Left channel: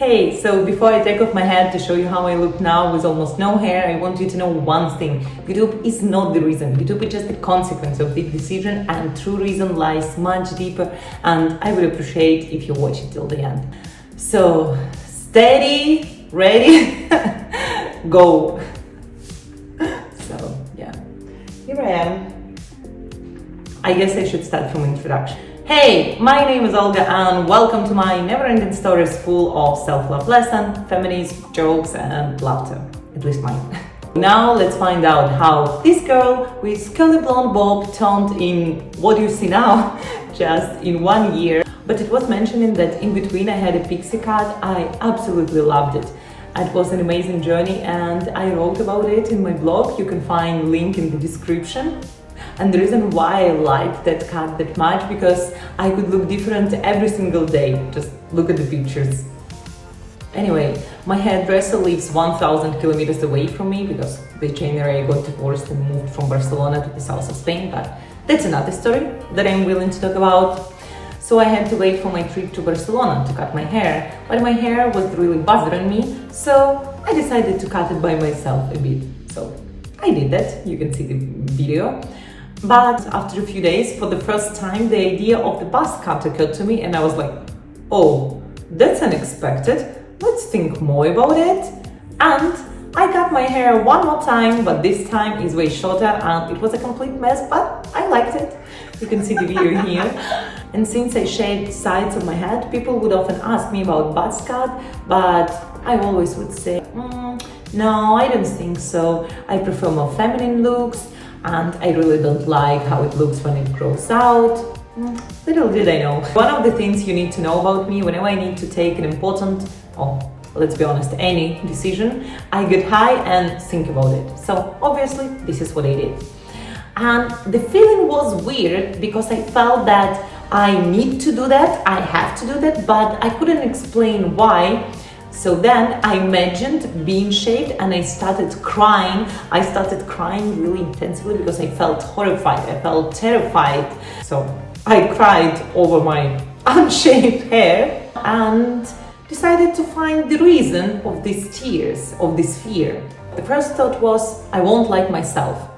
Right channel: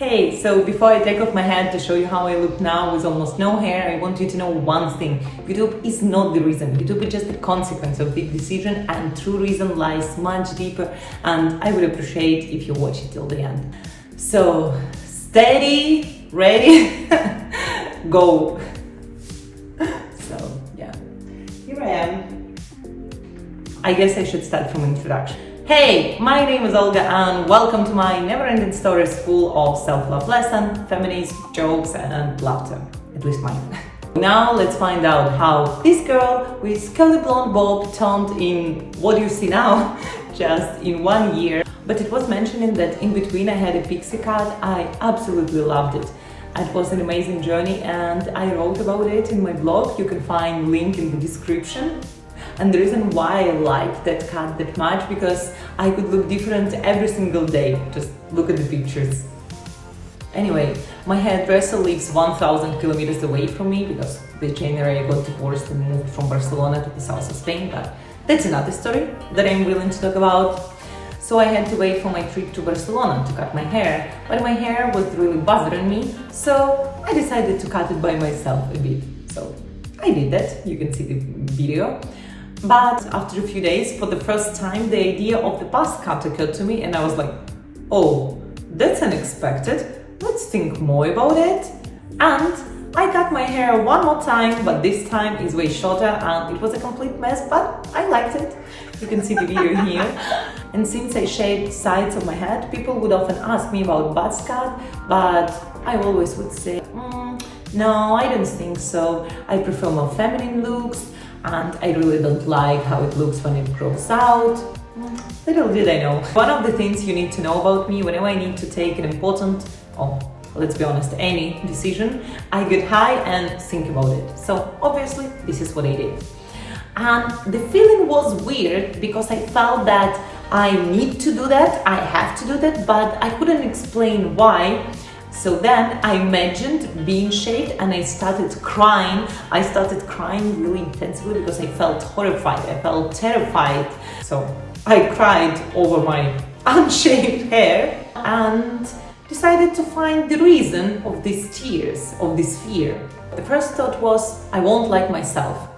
Hey, so before I take off my hat to show you how I look now with almost no hair, I want you to know one thing. YouTube is not the reason. YouTube is just a consequence of the decision, and true reason lies much deeper, and I would appreciate if you watch it till the end. So, steady, ready, go. So, yeah, here I am. I guess I should start from introduction. Hey, my name is Olga and welcome to my never-ending stories full of self-love lesson, feminism, jokes and laughter, at least mine. Now let's find out how this girl with curly blonde bob turned in what you see now just in 1 year. But it was mentioning that in between I had a pixie cut. I absolutely loved it. It was an amazing journey and I wrote about it in my blog. You can find link in the description. And the reason why I liked that cut that much, because I could look different every single day. Just look at the pictures. Anyway, my hairdresser lives 1,000 kilometers away from me because this January I got divorced and moved from Barcelona to the south of Spain, but that's another story that I'm willing to talk about. So I had to wait for my trip to Barcelona to cut my hair, but my hair was really bothering me, so I decided to cut it by myself a bit. So I did that, you can see the video. But after a few days, for the first time, the idea of the buzz cut occurred to me and I was like, oh, that's unexpected, let's think more about it. And I cut my hair one more time, but this time is way shorter and it was a complete mess, but I liked it. You can see the video here. And since I shaved sides of my head, people would often ask me about buzz cut, but I always would say, no, I don't think so. I prefer more feminine looks. And I really don't like how it looks when it grows out. Little did I know. One of the things you need to know about me, whenever I need to take an important, or let's be honest, any decision, I get high and think about it. So obviously this is what I did. And the feeling was weird because I felt that I need to do that, I have to do that, but I couldn't explain why. So then I imagined being shaved and I started crying. I started crying really intensely because I felt horrified, I felt terrified. So I cried over my unshaved hair and decided to find the reason of these tears, of this fear. The first thought was, I won't like myself.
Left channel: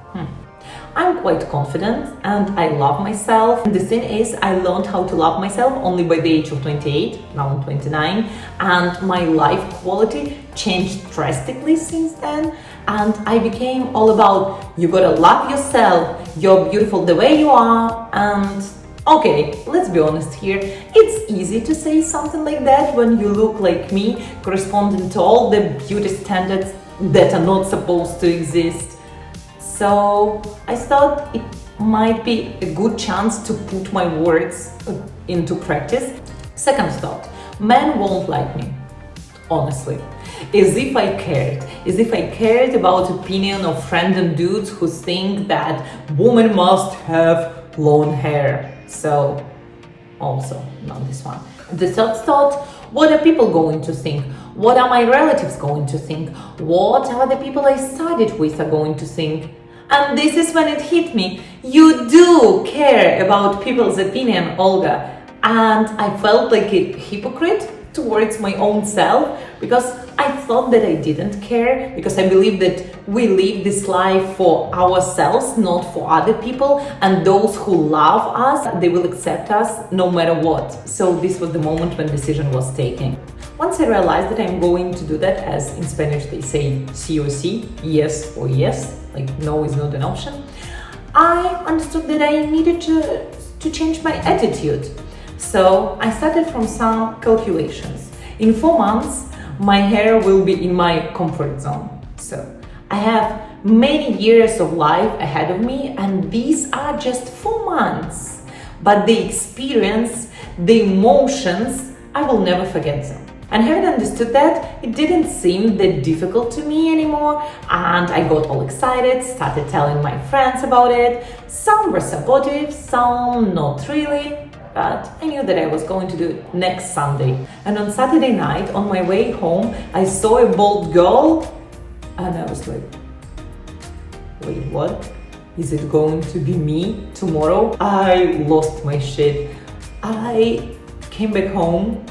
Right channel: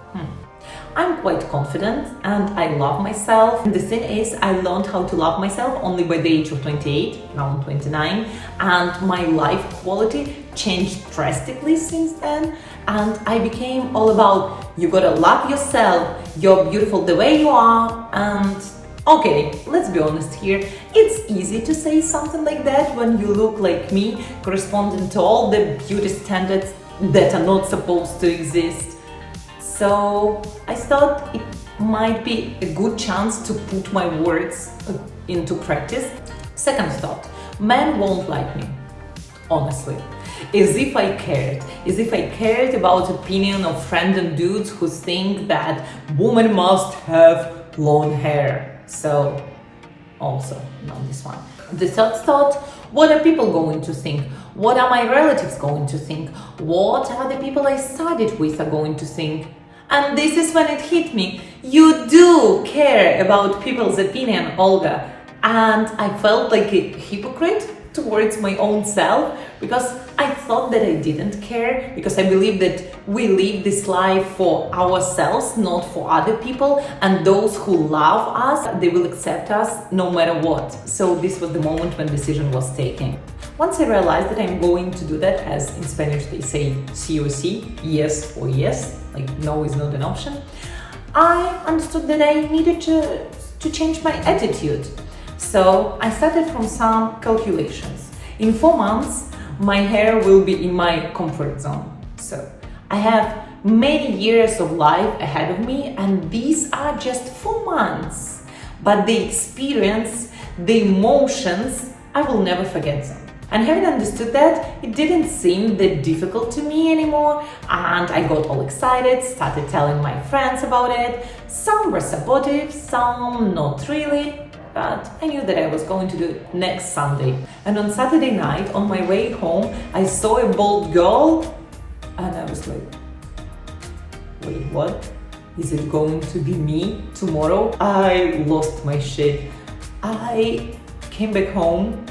I'm quite confident and I love myself. And the thing is, I learned how to love myself only by the age of 28, now I'm 29, and my life quality changed drastically since then. And I became all about, you gotta love yourself, you're beautiful the way you are. And okay, let's be honest here, it's easy to say something like that when you look like me, corresponding to all the beauty standards that are not supposed to exist. So I thought it might be a good chance to put my words into practice. Second thought, men won't like me, honestly. As if I cared about opinion of random dudes who think that women must have long hair. So also not this one. The third thought, what are people going to think? What are my relatives going to think? What are the people I studied with are going to think? And this is when it hit me. You do care about people's opinion, Olga. And I felt like a hypocrite towards my own self because I thought that I didn't care, because I believe that we live this life for ourselves, not for other people, and those who love us, they will accept us no matter what. So this was the moment when decision was taken. Once I realized that I'm going to do that, as in Spanish they say sí o sí, yes or yes, like no is not an option, I understood that I needed to change my attitude. So I started from some calculations. In 4 months, my hair will be in my comfort zone. So I have many years of life ahead of me, and these are just 4 months. But the experience, the emotions, I will never forget them. And having understood that, it didn't seem that difficult to me anymore, and I got all excited, started telling my friends about it. Some were supportive, some not really, but I knew that I was going to do it next Sunday. And on Saturday night, on my way home, I saw a bald girl, and I was like, wait, what? Is it going to be me tomorrow? I lost my shit. I came back home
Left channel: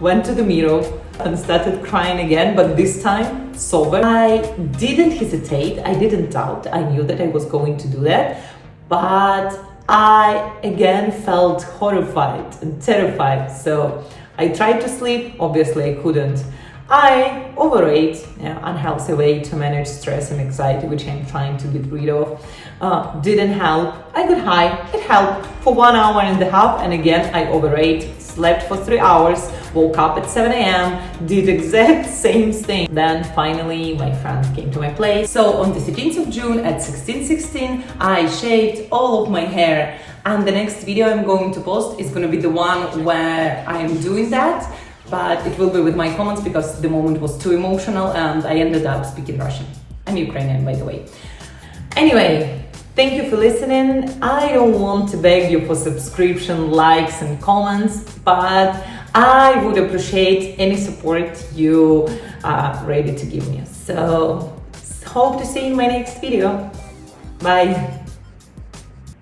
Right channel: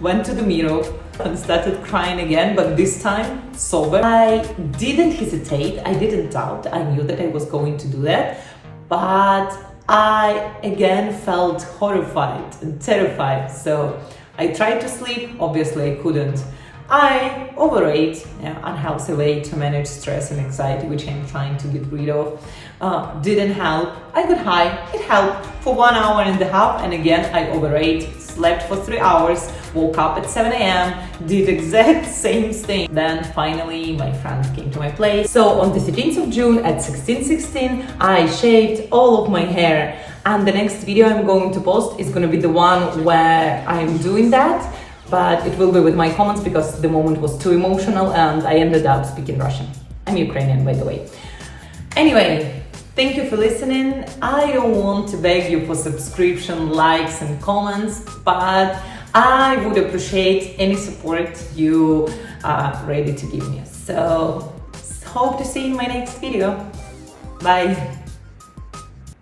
went to the mirror and started crying again, but this time sober. I didn't hesitate, I didn't doubt, I knew that I was going to do that, but I again felt horrified and terrified. So I tried to sleep, obviously I couldn't. I overate, unhealthy way to manage stress and anxiety, which I'm trying to get rid of. Didn't help. I got high, it helped for 1.5 hours, and again I overate, slept for 3 hours, woke up at 7 a.m, did exact same thing. Then finally my friends came to my place. So on the 13th of June at 16:16, I shaved all of my hair, and the next video I'm going to post is going to be the one where I'm doing that, but it will be with my comments because the moment was too emotional and I ended up speaking Russian. I'm Ukrainian, by the way. Anyway, thank you for listening. I don't want to beg you for subscription, likes and comments, but I would appreciate any support you are ready to give me. So hope to see you in my next video. Bye.